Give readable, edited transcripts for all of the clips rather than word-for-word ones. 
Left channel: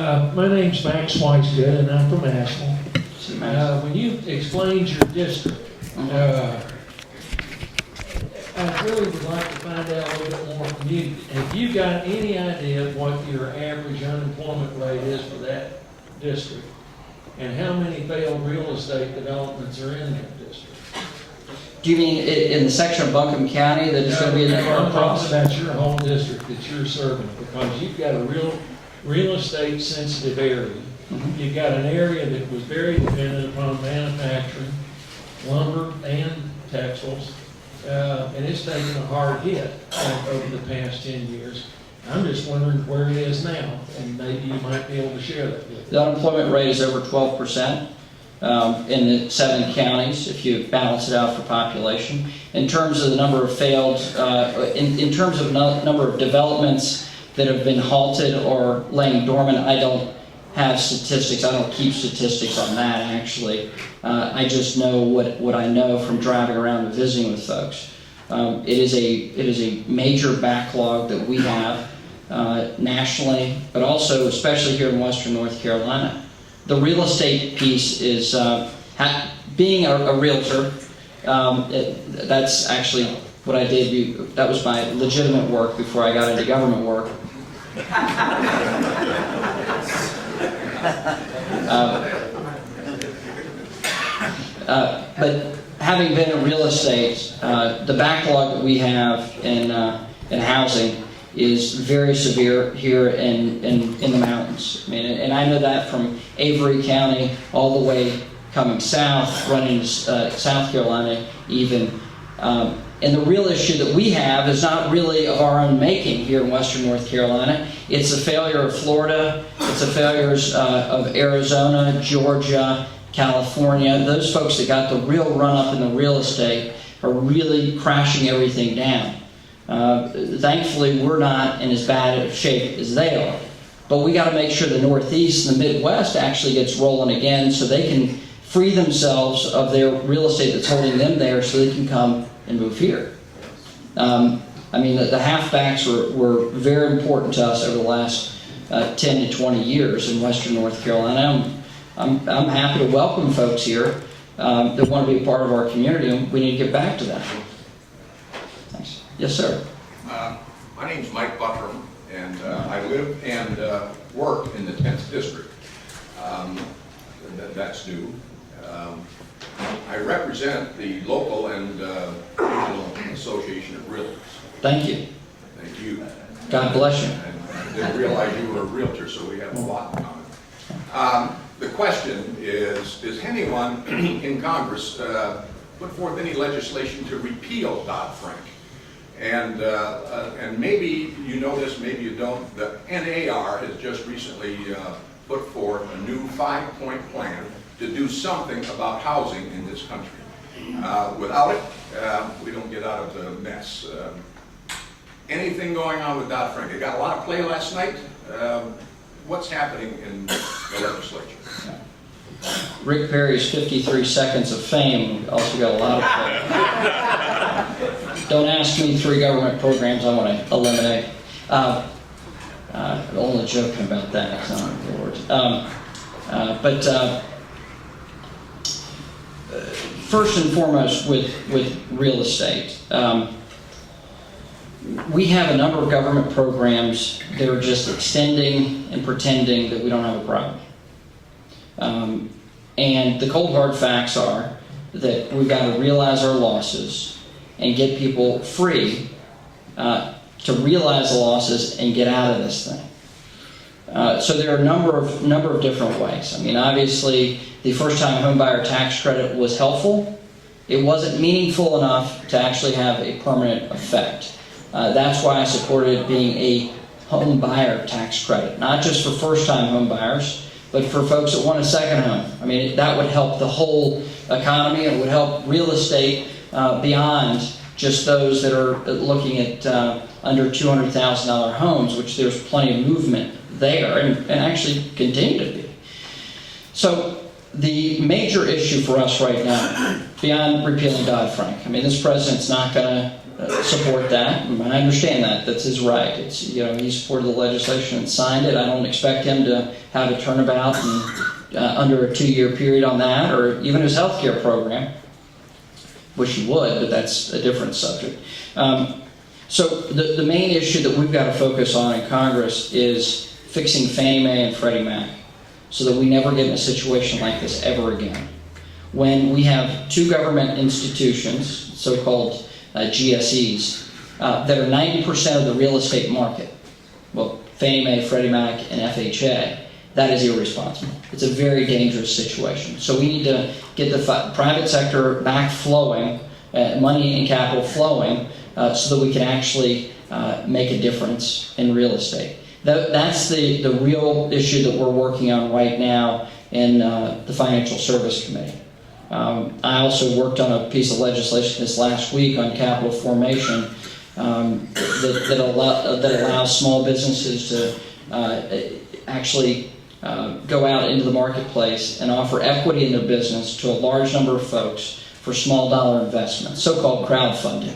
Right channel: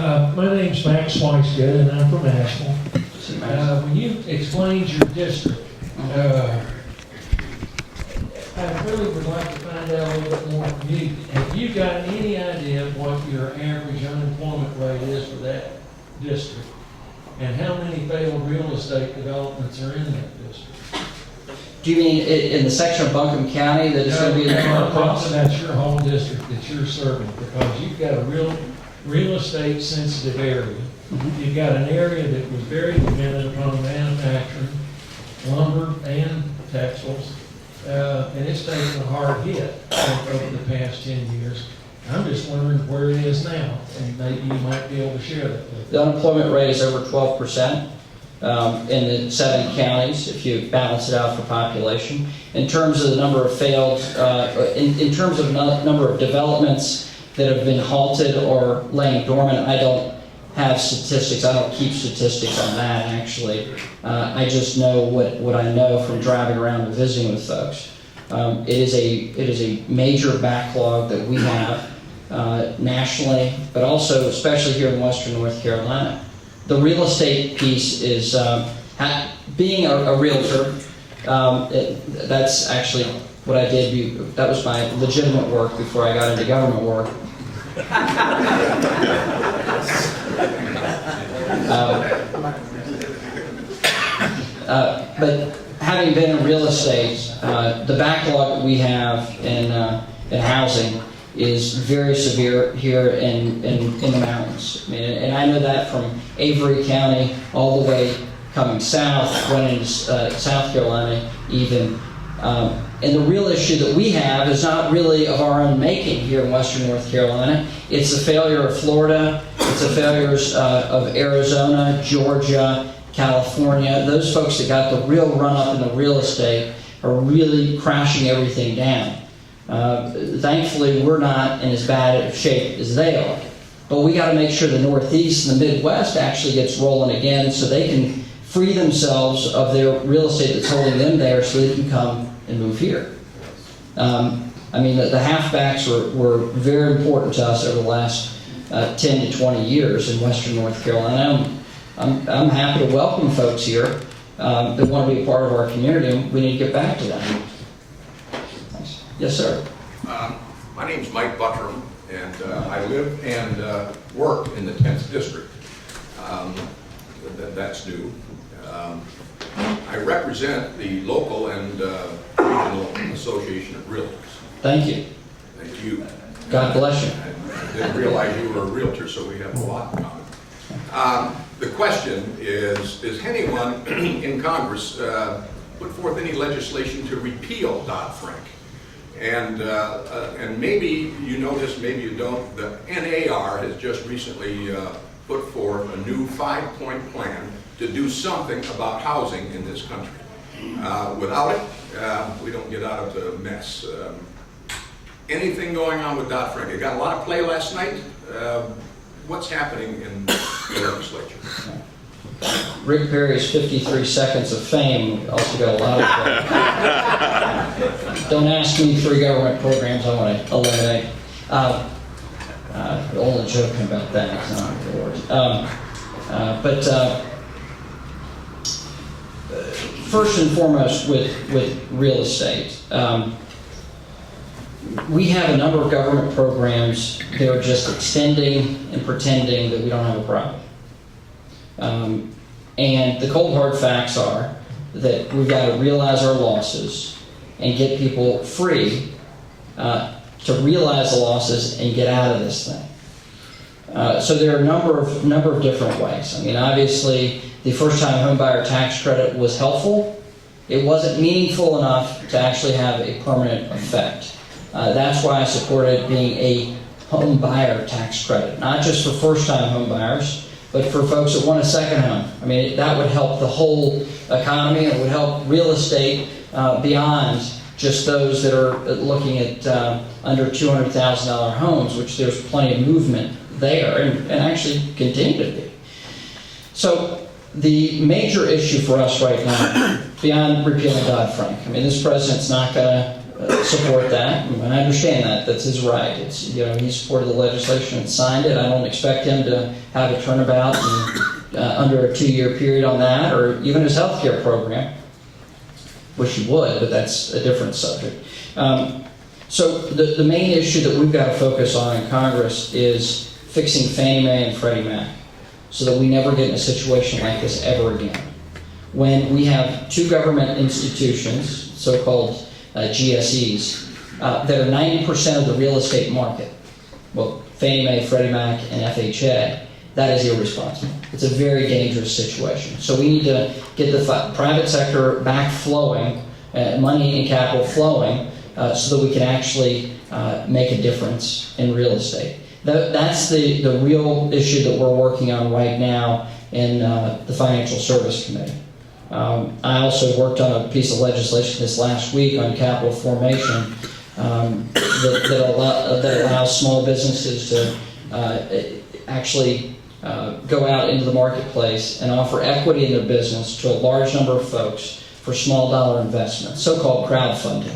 My name's Max Weisgood, and I'm from Asheville. When you explained your district, I really would like to find out a little bit more from you. Have you got any idea of what your average unemployment rate is for that district? And how many failed real estate developments are in that district? Do you mean in the section of Buncombe County that is going to be in the across? That's your whole district that you're serving, because you've got a real estate sensitive area. Mm-hmm. You've got an area that was very dependent upon manufacturing, lumber, and textiles, and it's taken a hard hit over the past 10 years. I'm just wondering where it is now, and maybe you might be able to share that with me. The unemployment rate is over 12% in the 7 counties, if you balance it out for population. In terms of the number of failed, in terms of number of developments that have been halted or laying dormant, I don't have statistics. I don't keep statistics on that, actually. I just know what I know from driving around and visiting with folks. It is a major backlog that we have nationally, but also especially here in Western North Carolina. The real estate piece is being a realtor. That's actually what I did. That was my legitimate work before I got into government work. But having been in real estate, the backlog that we have in housing is very severe here in the mountains. I mean, and I know that from Avery County all the way coming south, running into South Carolina even. And the real issue that we have is not really of our own making here in Western North Carolina. It's a failure of Florida. It's a failures of Arizona, Georgia, California. Those folks that got the real run-up in the real estate are really crashing everything down. Thankfully, we're not in as bad a shape as they are. But we got to make sure the Northeast and the Midwest actually gets rolling again so they can free themselves of their real estate that's holding them there so they can come and move here. I mean, the halfbacks were very important to us over the last 10 to 20 years in Western North Carolina. I'm happy to welcome folks here that want to be a part of our community, and we need to get back to them. Thanks. Yes, sir. My name's Mike Buttram, and I live and work in the 10th District. That's new. I represent the local and regional association of realtors. Thank you. Thank you. God bless you. I didn't realize you were a realtor, so we have a lot in common. The question is anyone in Congress put forth any legislation to repeal Dodd-Frank? And maybe you know this, maybe you don't. The NAR has just recently put forth a new 5-point plan to do something about housing in this country. Without it, we don't get out of the mess. Anything going on with Dodd-Frank? It got a lot of play last night. What's happening in the legislature? Rick Perry's 53 Seconds of Fame also got a lot of play. Don't ask me 3 government programs I want to eliminate. Only joking about that, Lord. First and foremost with real estate, we have a number of government programs that are just extending and pretending that we don't have a problem. And the cold hard facts are that we've got to realize our losses and get people free to realize the losses and get out of this thing. So there are a number of different ways. I mean, obviously, the first-time homebuyer tax credit was helpful. It wasn't meaningful enough to actually have a permanent effect. That's why I supported being a home buyer tax credit, not just for first-time home buyers, but for folks that want a second home. I mean, that would help the whole economy. It would help real estate beyond just those that are looking at under $200,000 homes, which there's plenty of movement there and actually continue to be. So the major issue for us right now, beyond repealing Dodd-Frank, I mean, this president's not going to support that. And I understand that. That's his right. It's, he supported the legislation and signed it. I don't expect him to have a turnabout under a 2-year period on that, or even his health care program. Wish he would, but that's a different subject. So the main issue that we've got to focus on in Congress is fixing Fannie Mae and Freddie Mac so that we never get in a situation like this ever again. When we have two government institutions, so-called GSEs, that are 90% of the real estate market, well, Fannie Mae, Freddie Mac, and FHA, that is irresponsible. It's a very dangerous situation. So we need to get the private sector back flowing, money and capital flowing, so that we can actually make a difference in real estate. That's the real issue that we're working on right now in the Financial Service Committee. I also worked on a piece of legislation this last week on capital formation that allows small businesses to actually go out into the marketplace and offer equity in their business to a large number of folks for small dollar investments, so-called crowdfunding,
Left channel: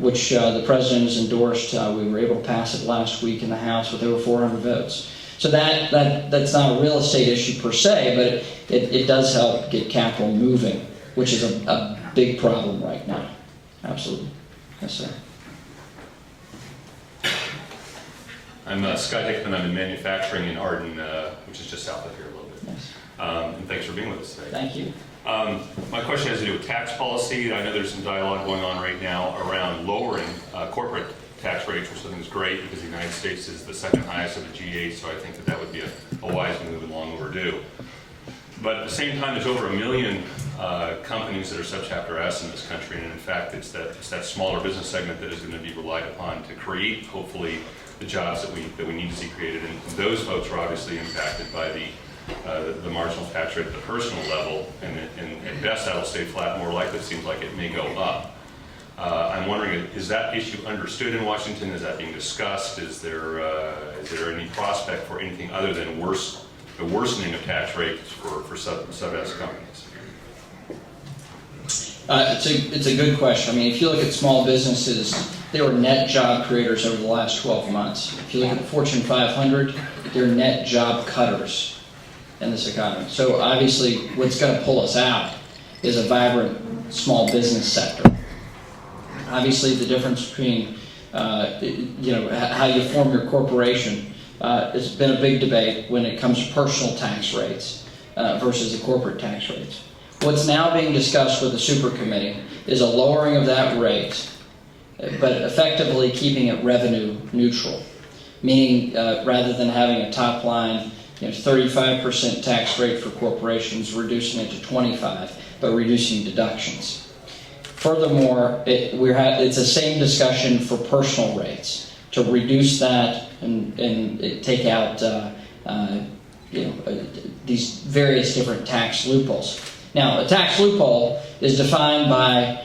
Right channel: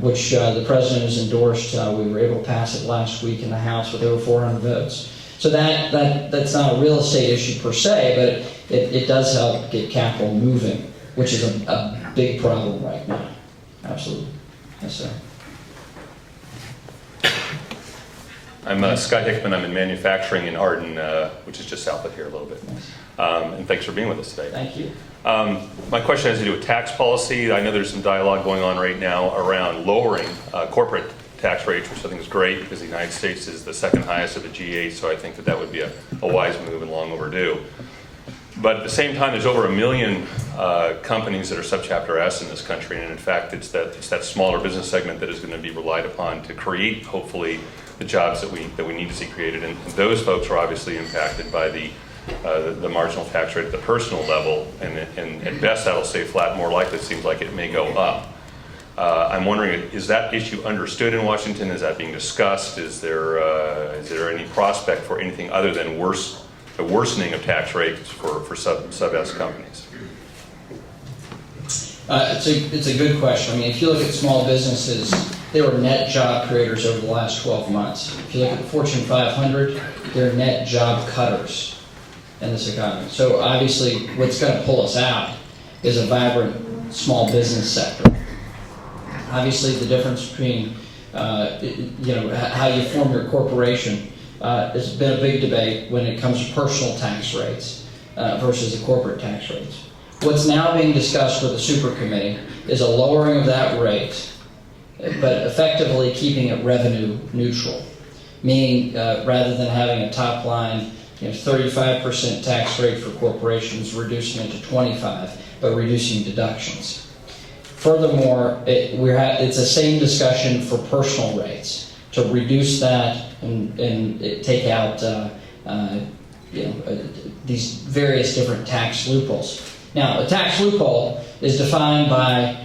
which the President has endorsed. We were able to pass it last week in the House with over 400 votes. So that's not a real estate issue per se, but it does help get capital moving, which is a big problem right now. Absolutely. Yes, sir. I'm Scott Hickman. I'm in manufacturing in Arden, which is just south of here a little bit. And thanks for being with us today. Thank you. My question has to do with tax policy. I know there's some dialogue going on right now around lowering corporate tax rates, which I think is great because the United States is the second highest of the G8, so I think that would be a wise move and long overdue. But at the same time, there's over 1 million companies that are subchapter S in this country, and in fact, it's that smaller business segment that is going to be relied upon to create, hopefully, the jobs that we need to see created. And those folks are obviously impacted by the marginal tax rate at the personal level, and at best that'll stay flat. More likely, it seems like it may go up. I'm wondering, is that issue understood in Washington? Is that being discussed? Is there any prospect for anything other than the worsening of tax rates for sub-S companies? It's a good question. I mean, if you look at small businesses, they were net job creators over the last 12 months. If you look at the Fortune 500, they're net job cutters in this economy. So obviously, what's going to pull us out is a vibrant small business sector. Obviously, the difference between how you form your corporation has been a big debate when it comes to personal tax rates versus the corporate tax rates. What's now being discussed with the super committee is a lowering of that rate, but effectively keeping it revenue neutral, meaning rather than having a top line 35% tax rate for corporations, reducing it to 25%, but reducing deductions. Furthermore, it's the same discussion for personal rates, to reduce that and take out these various different tax loopholes. Now, a tax loophole is defined by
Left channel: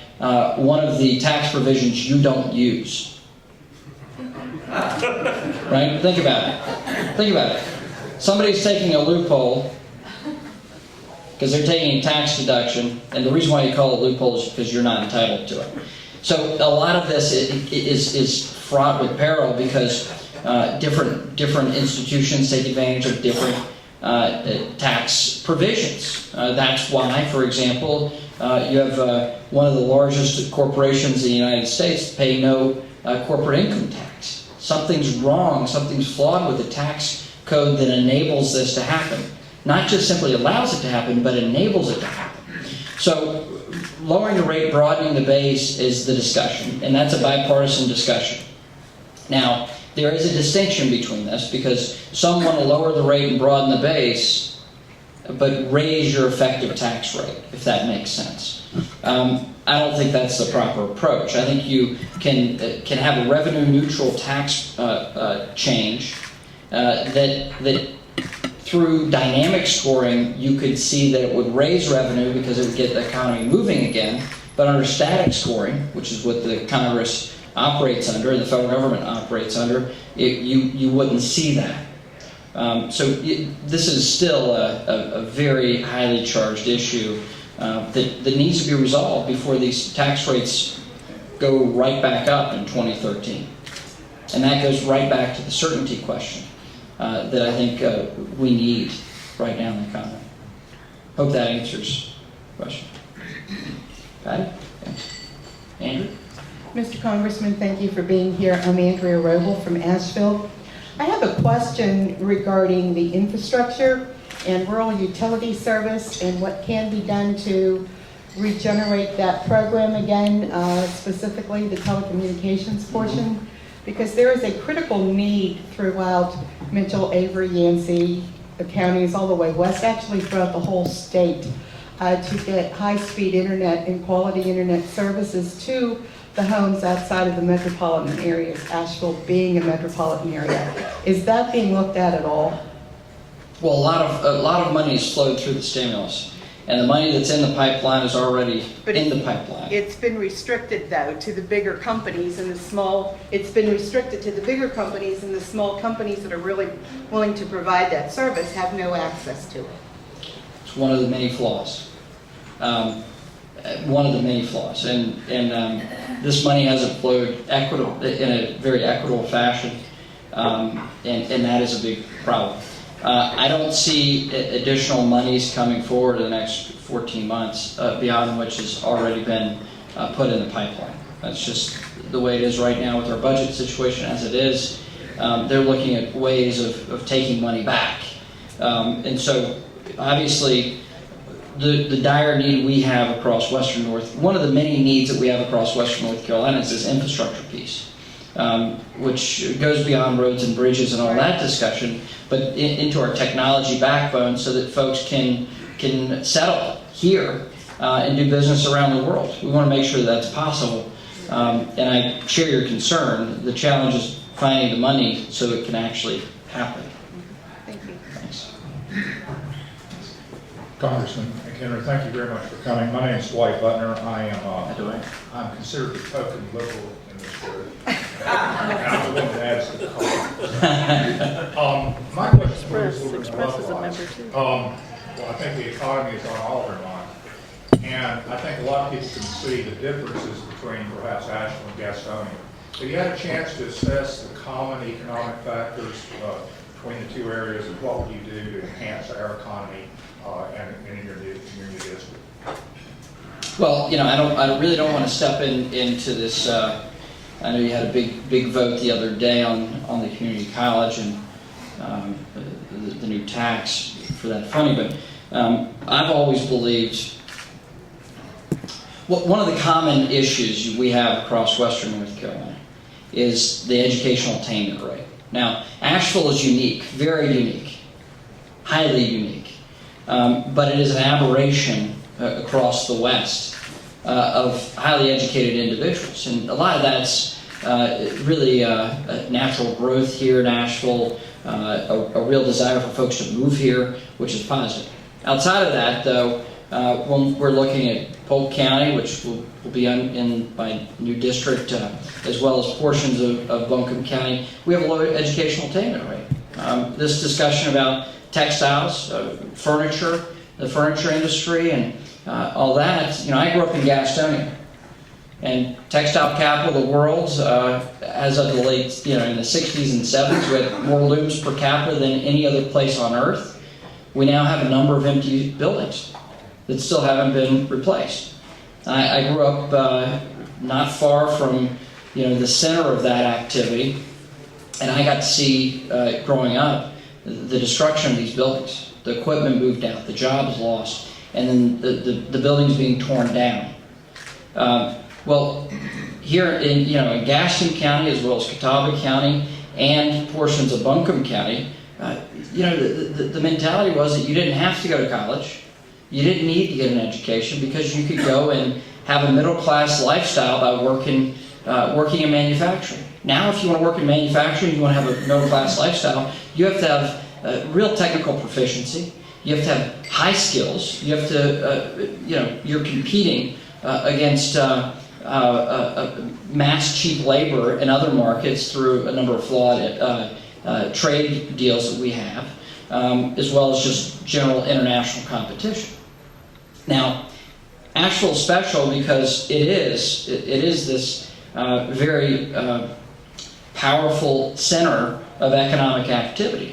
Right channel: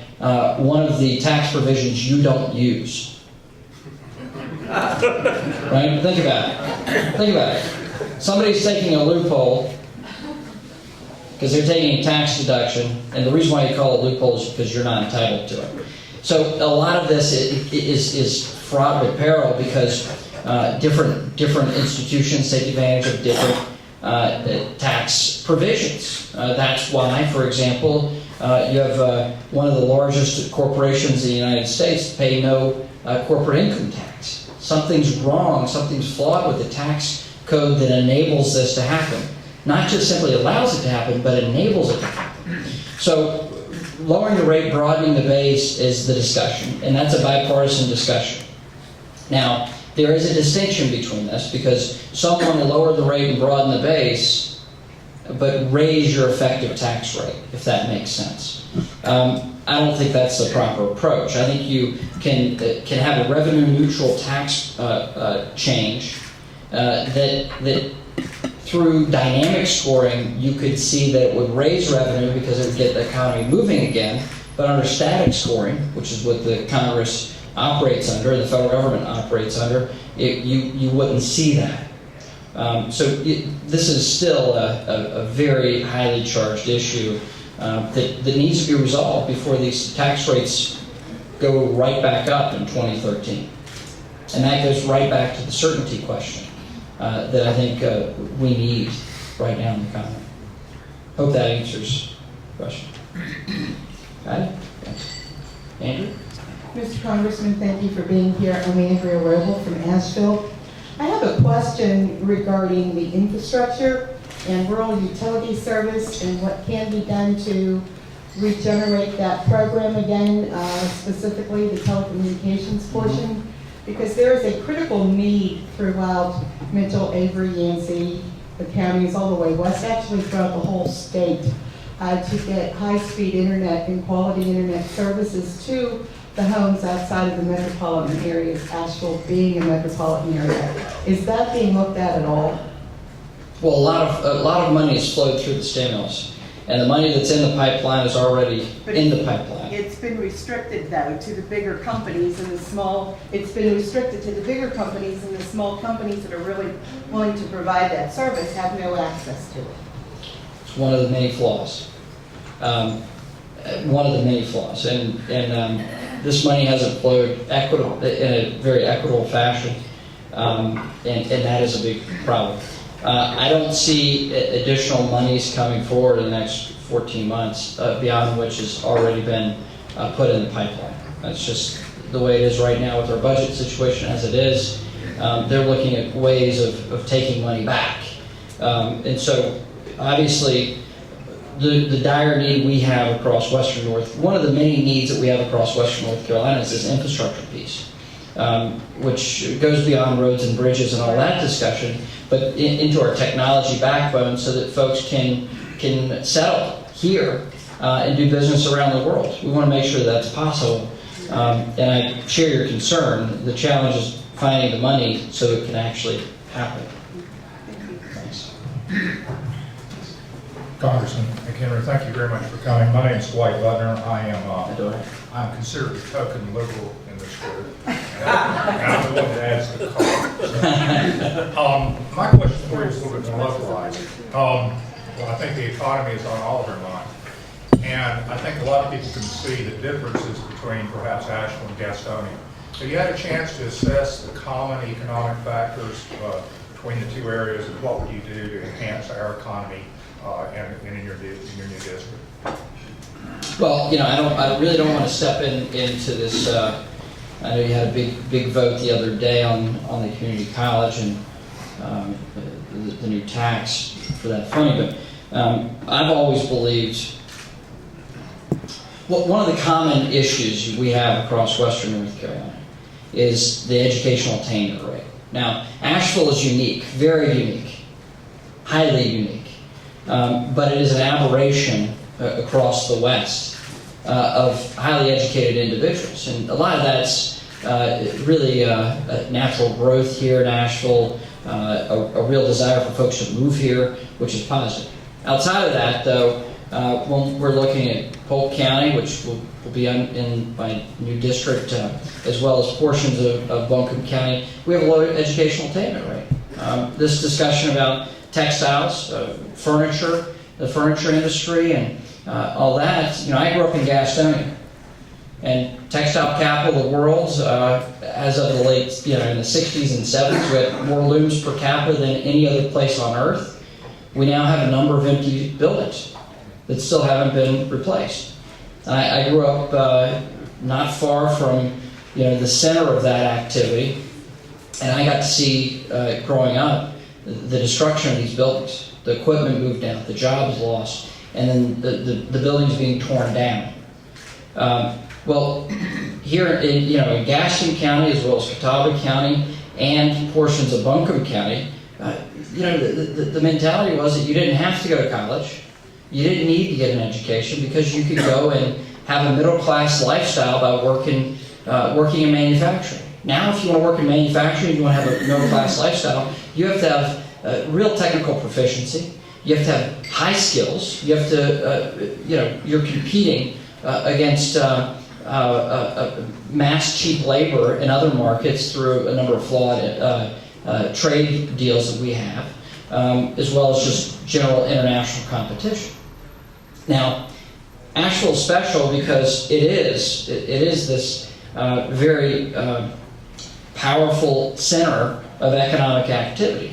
one of the tax provisions you don't use. Right? Think about it. Somebody's taking a loophole because they're taking a tax deduction, and the reason why you call it a loophole is because you're not entitled to it. So a lot of this is fraught with peril because different institutions take advantage of different tax provisions. That's why, for example, you have one of the largest corporations in the United States pay no corporate income tax. Something's wrong, something's flawed with the tax code that enables this to happen. Not just simply allows it to happen, but enables it to happen. So lowering the rate, broadening the base is the discussion, and that's a bipartisan discussion. Now, there is a distinction between this because some want to lower the rate and broaden the base, but raise your effective tax rate, if that makes sense. I don't think that's the proper approach. I think you can have a revenue neutral tax change that through dynamic scoring, you could see that it would raise revenue because it would get the economy moving again. But under static scoring, which is what the Congress operates under and the federal government operates under, you wouldn't see that. This is still a very highly charged issue that needs to be resolved before these tax rates go right back up in 2013. And that goes right back to the certainty question that I think we need right now in the economy. Hope that answers the question. Patty? Okay. Andrew? Mr. Congressman, thank you for being here. I'm Andrea Roble from Asheville. I have a question regarding the infrastructure and rural utility service and what can be done to regenerate that program again, specifically the telecommunications portion, because there is a critical need throughout Mitchell, Avery, Yancey, the counties all the way west, actually throughout the whole state, to get high-speed internet and quality internet services to the homes outside of the metropolitan areas, Asheville being a metropolitan area. Is that being looked at all? Well, a lot of money has flowed through the stimulus, and the money that's in the pipeline is already in the pipeline. It's been restricted though to the bigger companies and the small. It's been restricted to the bigger companies, and the small companies that are really willing to provide that service have no access to it. It's one of the many flaws. And this money hasn't flowed in a very equitable fashion, and that is a big problem. I don't see additional monies coming forward in the next 14 months beyond which has already been put in the pipeline. That's just the way it is right now with our budget situation as it is. They're looking at ways of taking money back. And so obviously the dire need we have across Western North, one of the many needs that we have across Western North Carolina is this infrastructure piece, which goes beyond roads and bridges and all that discussion, but into our technology backbone so that folks can settle here and do business around the world. We want to make sure that's possible. And I share your concern. The challenge is finding the money so it can actually happen. Thanks. Congressman McHenry, thank you very much for coming. My name is Dwight Butner. I'm considered a token liberal in this group. I'm the one that adds to the call. My question for you is a little bit more localized. Well, I think the economy is on all of our minds. And I think a lot of people can see the differences between perhaps Asheville and Gastonia. Have you had a chance to assess the common economic factors between the two areas? What would you do to enhance our economy and in your new district? Well, I really don't want to step into this. I know you had a big vote the other day on the community college and the new tax for that funding, but I've always believed. Well, one of the common issues we have across Western North Carolina is the educational attainment rate. Now, Asheville is unique, very unique, highly unique, but it is an aberration across the West of highly educated individuals. And a lot of that's really natural growth here in Asheville, a real desire for folks to move here, which is positive. Outside of that, though, when we're looking at Polk County, which will be in my new district, as well as portions of Buncombe County, we have a low educational attainment rate. This discussion about textiles, furniture, the furniture industry, and all that. I grew up in Gastonia, and textile capital of the world, as of the late, in the 60s and 70s, we had more looms per capita than any other place on earth. We now have a number of empty buildings that still haven't been replaced. I grew up not far from, the center of that activity, and I got to see, growing up, the destruction of these buildings. The equipment moved out, the jobs lost, and then the buildings being torn down. Well, here in Gaston County, as well as Catawba County, and portions of Buncombe County, the mentality was that you didn't have to go to college. You didn't need to get an education because you could go and have a middle-class lifestyle by working in manufacturing. Now, if you want to work in manufacturing, you want to have a middle-class lifestyle, you have to have real technical proficiency. You have to have high skills. You have to, you're competing against mass cheap labor in other markets through a number of flawed trade deals that we have, as well as just general international competition. Now, Asheville is special because it is this very powerful center of economic activity.